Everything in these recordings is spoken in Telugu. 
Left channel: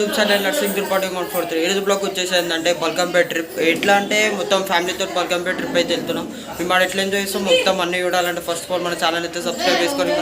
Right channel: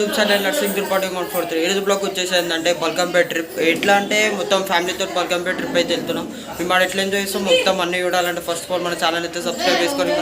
యూట్యూబ్ ఛానల్ నర్సింగ్ త్రిపాఠి 143 ఈరోజు బ్లాగ్ వచ్చేసిందంటే బల్కంపేట ట్రిప్. ఎట్లా అంటే మొత్తం ఫ్యామిలీతో బల్కంపేట ట్రిప్ అయితే వెళ్తున్నాం. మేము ఆడ ఎట్లా ఎంజాయ్ చేస్తాం మొత్తం అన్నీ చూడాలంటే ఫస్ట్ ఆఫ్ ఆల్ మన ఛానల్ అయితే సబ్స్క్రైబ్ చేసుకొని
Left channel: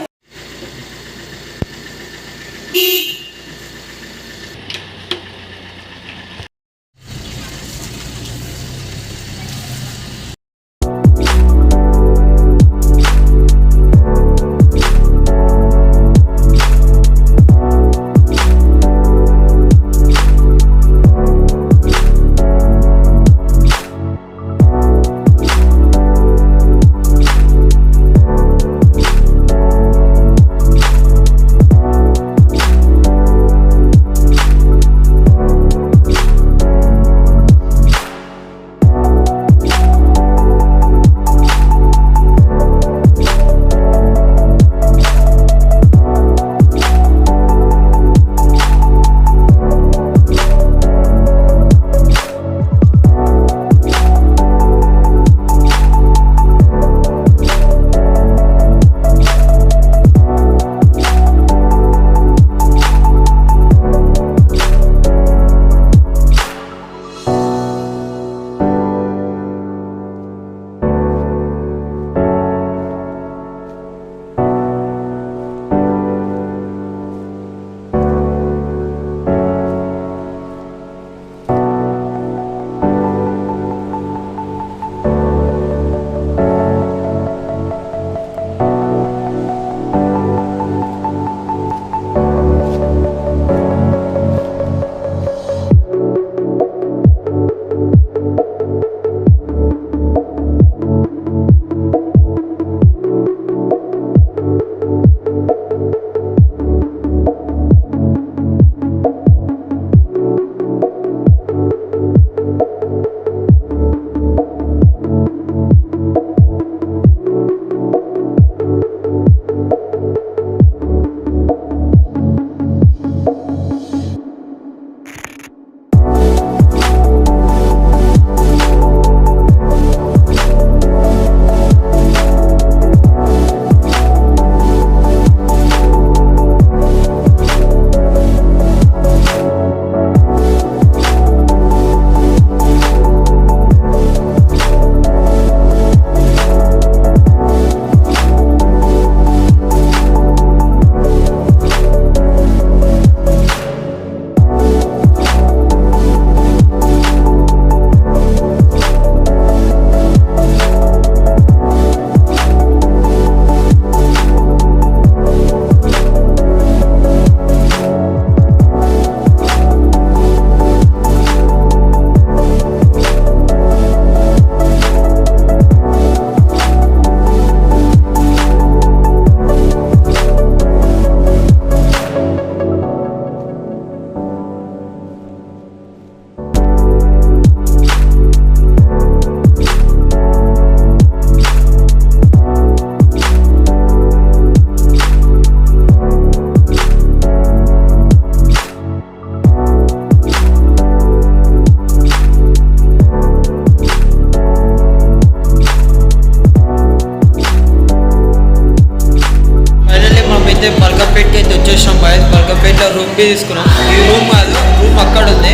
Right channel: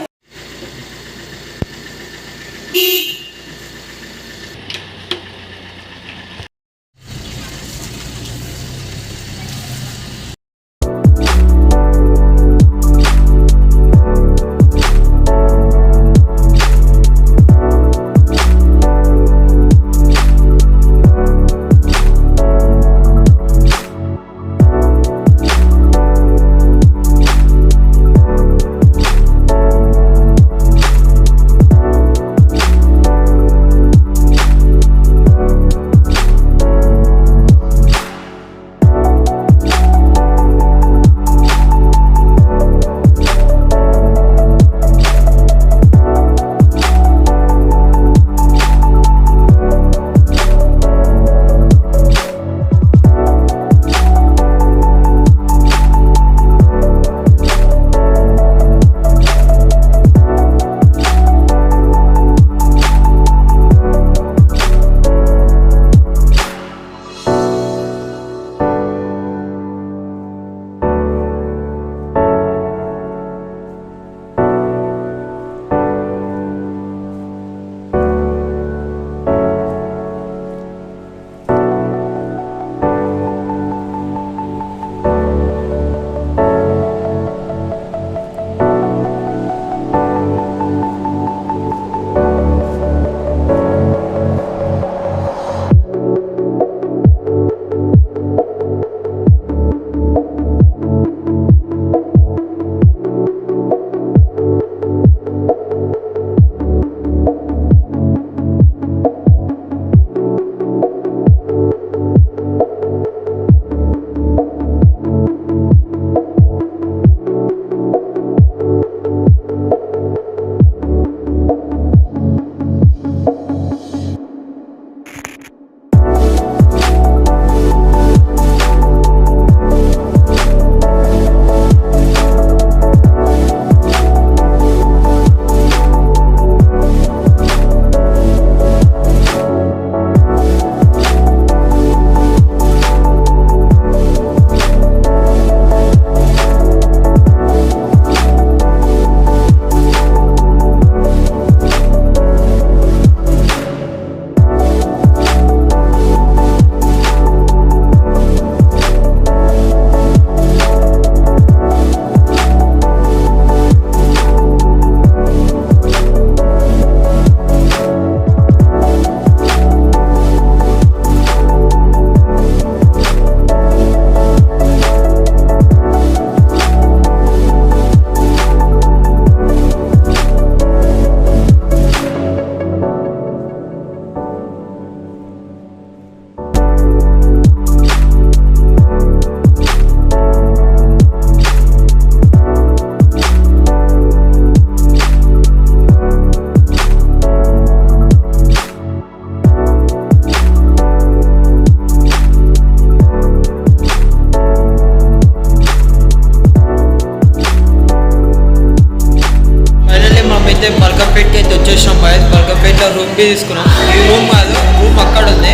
అయితే బల్కంపేటకి అయితే వచ్చేసాం బాయ్స్. బల్కంపేటలో రూమ్ బి తీసుకున్నాం. ఈ రూమ్ కాదు, రూమ్ అక్కడ ఉంది.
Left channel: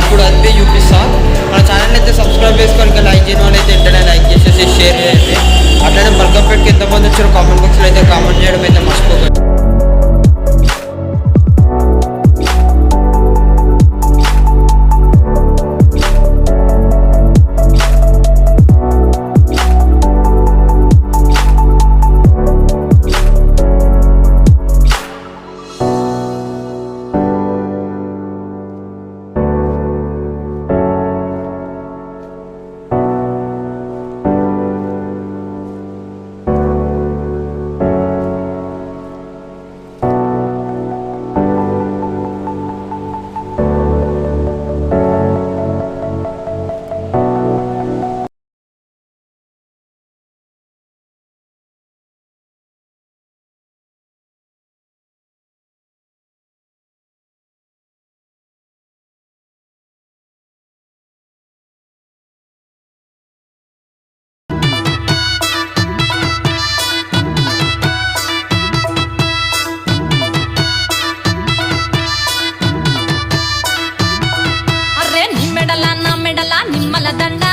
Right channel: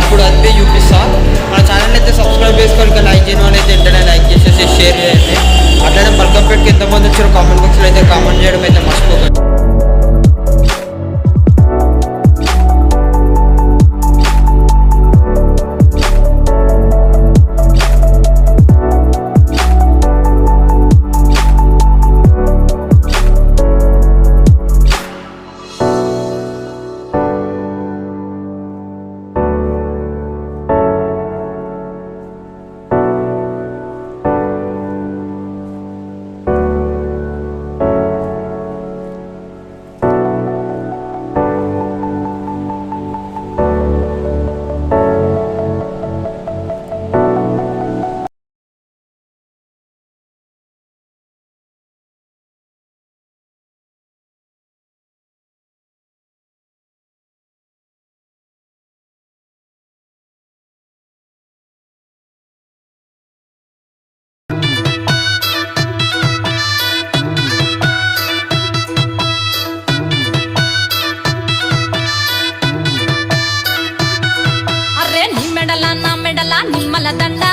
ఇప్పుడు అది చూపిస్తా. మన ఛానల్ అయితే సబ్స్క్రైబ్ చేసుకొని ఇంకా లైక్ చేయడం అయితే వెంటనే లైక్ చేసేసి షేర్ చేయండి. అట్లనే బల్కంపేటకి ఎంతమంది వచ్చారో కామెంట్ బాక్స్లో అయితే కామెంట్ చేయడం అయితే మర్చిపోకండి. మెడల నిమ్మల దండ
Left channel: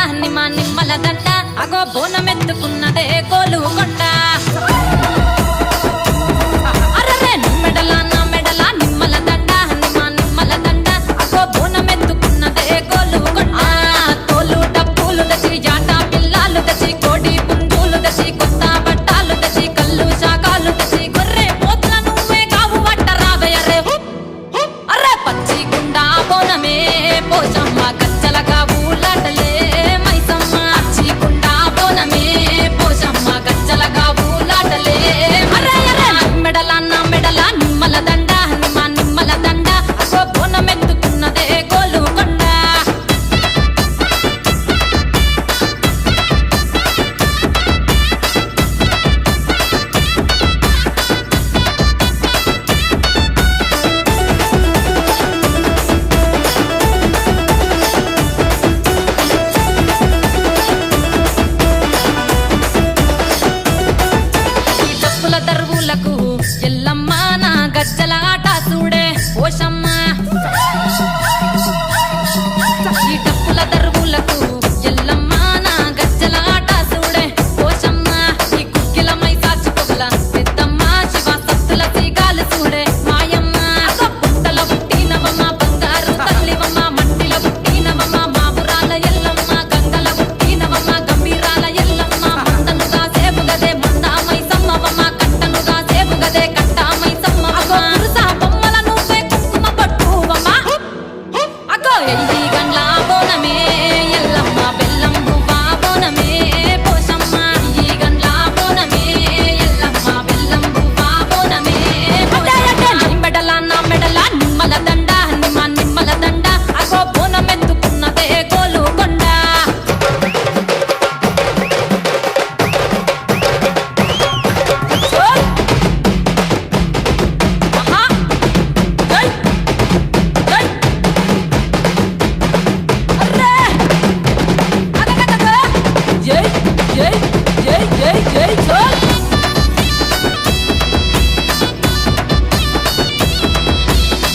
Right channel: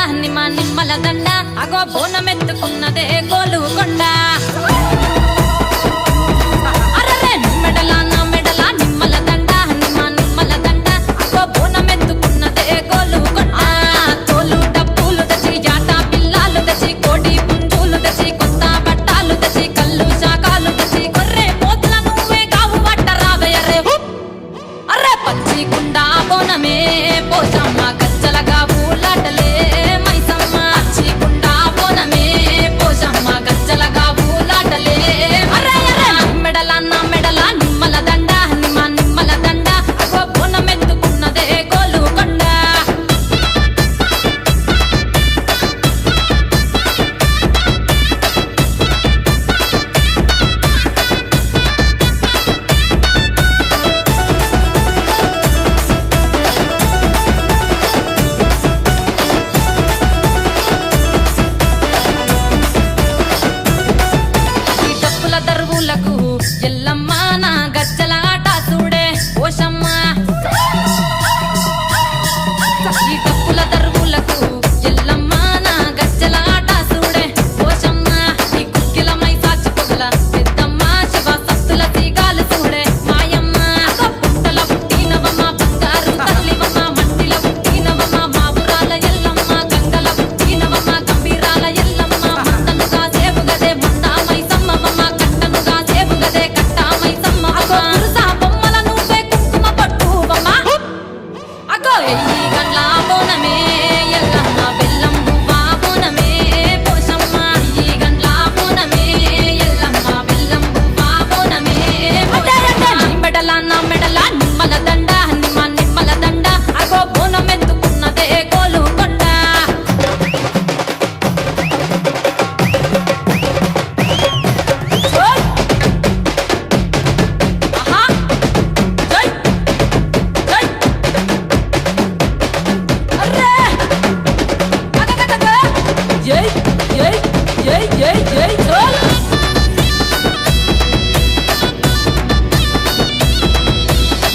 నిమ్మల దండ అగో బోనమెత్తుకున్నదే గోలుకొండ అరరే మెడల నా మెడల నిమ్మల దండ నిమ్మల దండ అగో బోనమెత్తుకున్నదే గోలుకొండ తోలు డప్పులు దచి జాట పిల్లాలు దచి కోడి పుంజులు దచి కొత్త బట్టాలు దచి కళ్ళు శాకాలు దచి గొర్రె పోతుల నువ్వే కావు వట్ట రావయ్యరే అరే పచ్చి కుండ బోనమే పోషమ్మ గచ్చలగా ఊలాటలే మైసమ్మ పచ్చి కుండ బోనమే పోషమ్మ గచ్చలగా ఊలాటలే అరే అరే మెడల నా మెడల నిమ్మల దండ నిమ్మల దండ అగో బోనమెత్తుకున్నదే గోలుకొండ దరువులకు ఎల్లమ్మ నా గజ్జల ఆట చూడే ఓషమ్మ ఈ డప్పుల దరువులకు ఎల్లమ్మ నా గజ్జల ఆట చూడే ఓషమ్మ ఈ కుక్కిల మై సాచి పొగల పెద్దమ్మ శివ సత్తుల తీగాలు చూడే మాయమ్మ పుట్టల పుట్టినవమ్మ బంగారు తల్లివమ్మ మంటిల పుట్టినవమ్మ మావురాల ఎల్లమ్మ గంగల పుట్టినవమ్మ గంభీరాల ఎల్లమ్మ మందనుగా సేపుగదే మందా మైసమ్మవమ్మ కట్టనుగా సేపుగదే కట్టామై సమ్మవమ్మ పురుస బొమ్మల నువ్వే కుంకుమ పట్టువమ్మ అగో ఎయ్యి గండ్ల బోనమే ఎల్లమ్మ బెల్లం బువ్వా బోనమే పోషమ్మ ఎయ్యి గండ్ల బోనమే ఎల్లమ్మ బెల్లం బువ్వా బోనమే మెడల నా మెడల నిమ్మల దండ నిమ్మల దండ అగో బోనమెత్తుకున్నదే గోలుకొండ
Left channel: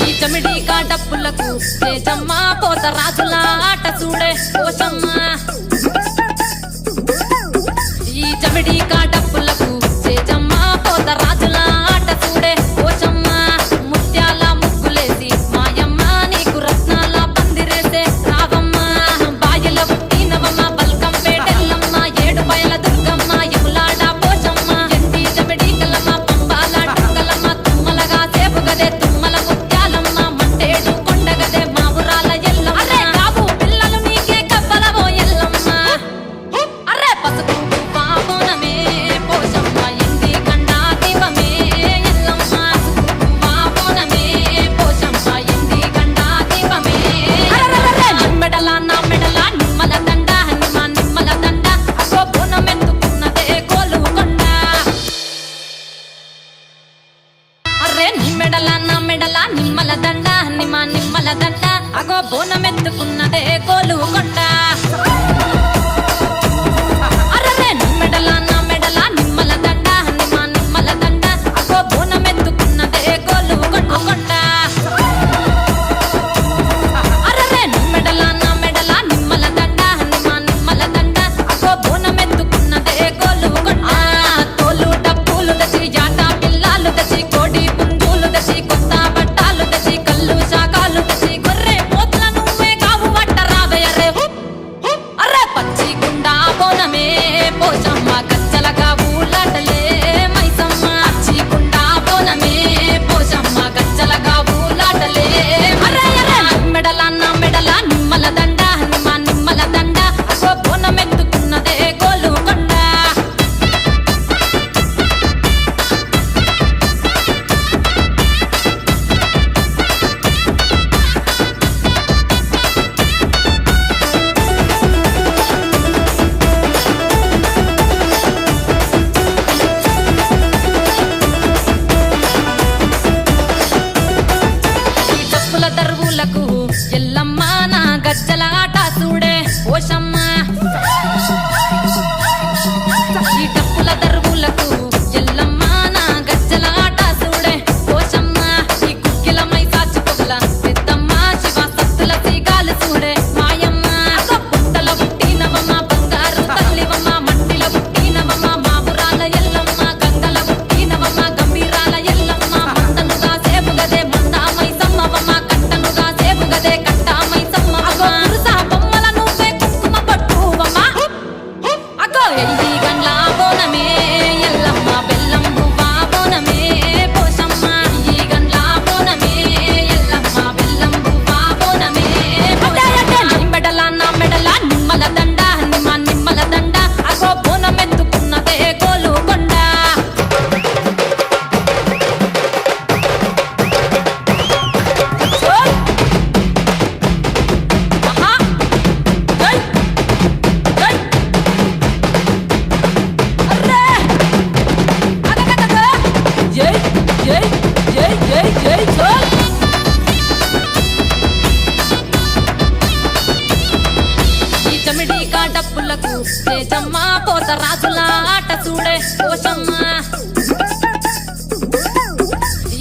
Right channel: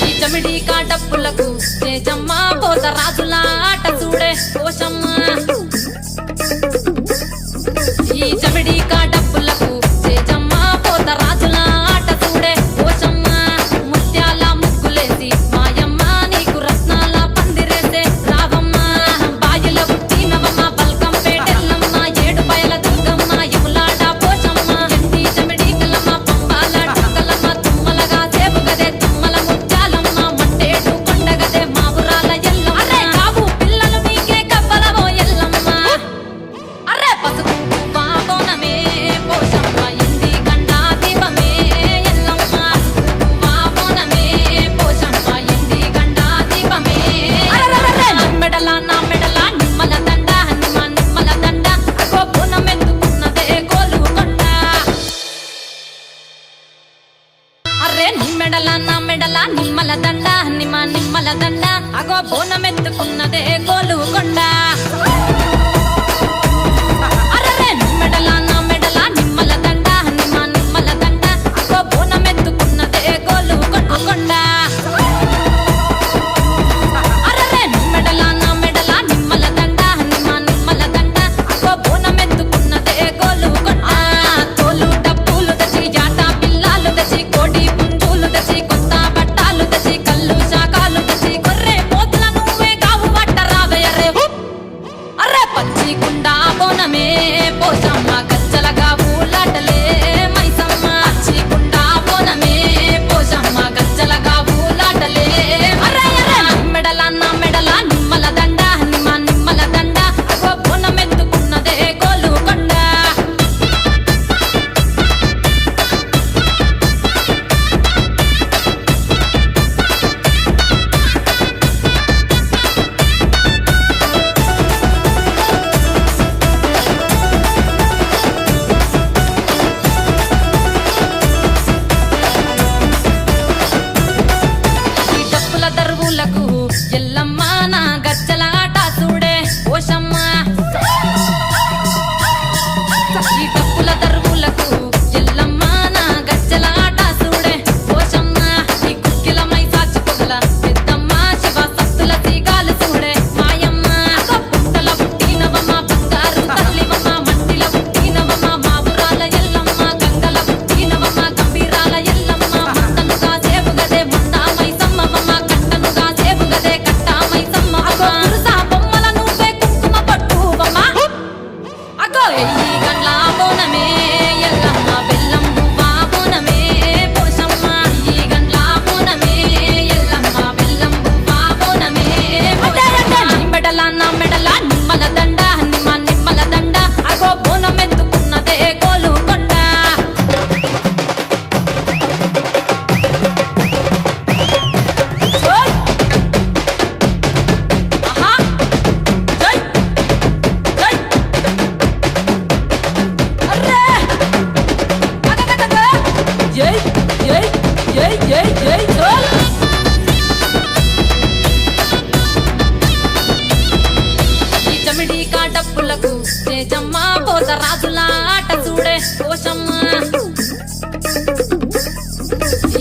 ఈ చమిడి కాడప్పులకు చేజమ్మ పోత రాజుల ఆట చూడే పోషమ్మ ఈ చమిడి కాడప్పులకు చేజమ్మ పోత రాజుల ఆట చూడే పోషమ్మ ముత్యాల ముగ్గులేసి మాయమ్మ నీకు రత్నాల పందిరేసే రావమ్మ బాయిల పుట్టినవమ్మ బల్కం పేటెల్లమ్మ ఏడు బయల దుర్గమ్మ యములాడ పోషమ్మ ఎండి చమిడి కలమ్మ పంబాల డుక్కలమ్మ తుమ్మలగా సేపుగదే తుమ్మల ముత్యాలమ్మ మంటేడు కొండగదే మావురాల ఎల్లమ్మ అరే కావు పిల్లలు నీకే కవ్వలవో ఎల్లమ్మ అరే పసుపు బోనమే పోషమ్మ ఎండి గండా దీపమే ఎల్లమ్మ పసుపు బోనమే పోషమ్మ ఎండి గండా దీపమే మెడల నా మెడల నిమ్మల దండ నిమ్మల దండ అగో బోనమెత్తుకున్నదే గోలుకొండ అరే మెడల నా మెడల నిమ్మల దండ నిమ్మల దండ అగో బోనమెత్తుకున్నదే గోలుకొండ అరే మెడల నా మెడల నిమ్మల దండ నిమ్మల దండ అగో బోనమెత్తుకున్నదే గోలుకొండ అరే మెడల నా మెడల నిమ్మల దండ నిమ్మల దండ అగో బోనమెత్తుకున్నదే గోలుకొండ తోలు డప్పులు దచి జాట పిల్లాలు దచి కోడి పుంజులు దచి కొత్త బట్టాలు దచి కళ్ళు శాకాలు దచి గొర్రె పోతుల నువ్వే కావు వట్ట రావయ్యరే అరే పచ్చి కుండ బోనమే పోషమ్మ గచ్చలగా ఊలాటలే మైసమ్మ పచ్చి కుండ బోనమే పోషమ్మ గచ్చలగా ఊలాటలే అరే అరే మెడల నా మెడల నిమ్మల దండ నిమ్మల దండ అగో బోనమెత్తుకున్నదే గోలుకొండ దరువులకు ఎల్లమ్మ నా గజ్జల ఆట చూడే ఓషమ్మ ఈ డప్పుల దరువులకు ఎల్లమ్మ నా గజ్జల ఆట చూడే ఓషమ్మ ఈ కుక్కిల మై సాచి పొగల పెద్దమ్మ శివ సత్తుల తీగాలు చూడే మాయమ్మ జమిడికా డప్పులకు చేజమ్మ పోత రాజుల ఆట చూడే పోషమ్మ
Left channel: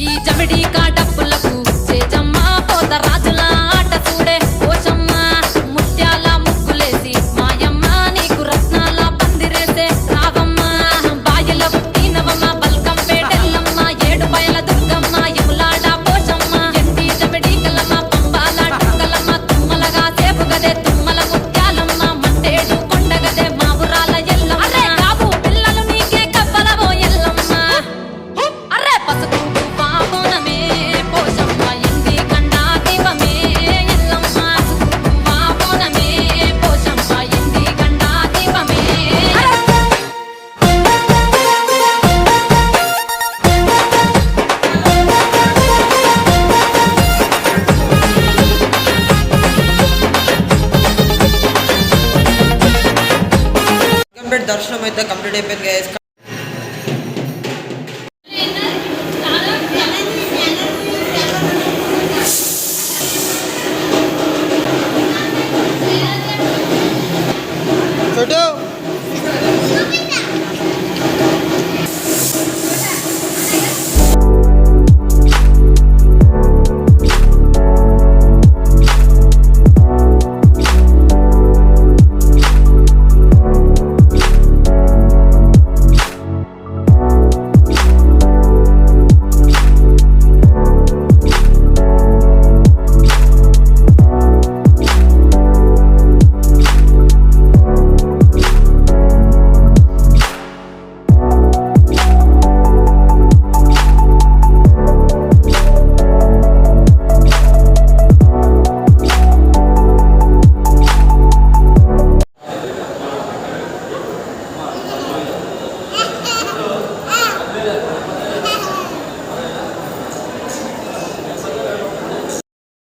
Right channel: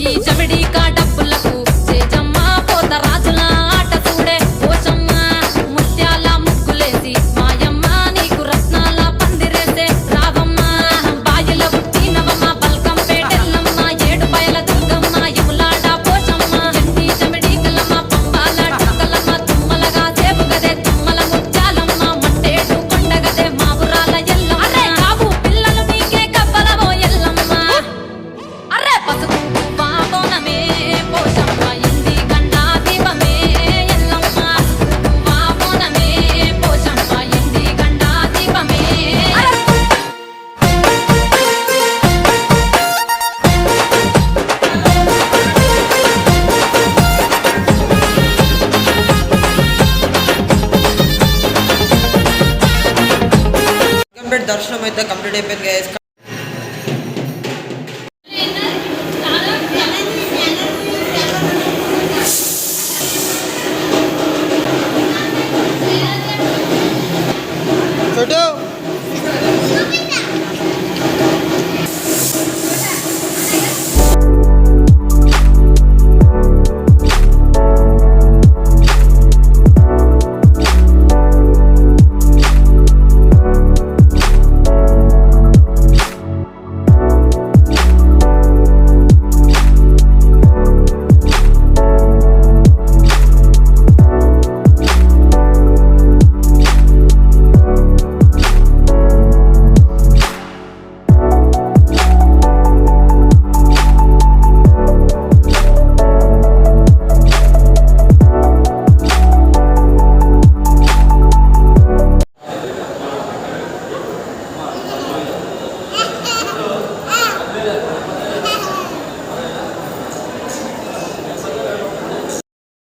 ఈ జమిడికా డప్పులకు చేజమ్మ పోత రాజుల ఆట చూడే పోషమ్మ ముత్యాల ముగ్గులేసి మాయమ్మ నీకు రత్నాల పందిరేసే రావమ్మ బాయిల పుట్టినవమ్మ బల్కం పేటెల్లమ్మ ఏడు బయల దుర్గమ్మ యములాడ పోషమ్మ ఎండి జమిడికలమ్మ పంబాల డుక్కలమ్మ తుమ్మలగా సేపు గదే తుమ్మల ముత్యాలమ్మ మంటేడు కొండగదే మా ఊరాల ఎల్లమ్మ అరే కావు పిల్లలు నీకే కవ్వలవో ఎల్లమ్మ అరే పసుపు బాబోనమే పోషమ్మ ఎండి గండా దీపమే ఎల్లమ్మ పసుపు బాబోనమే పోషమ్మ ఎండి గండా దీపమే కంప్లీట్ దర్శనం అయితే కంప్లీట్ అయిపోయింది గైస్.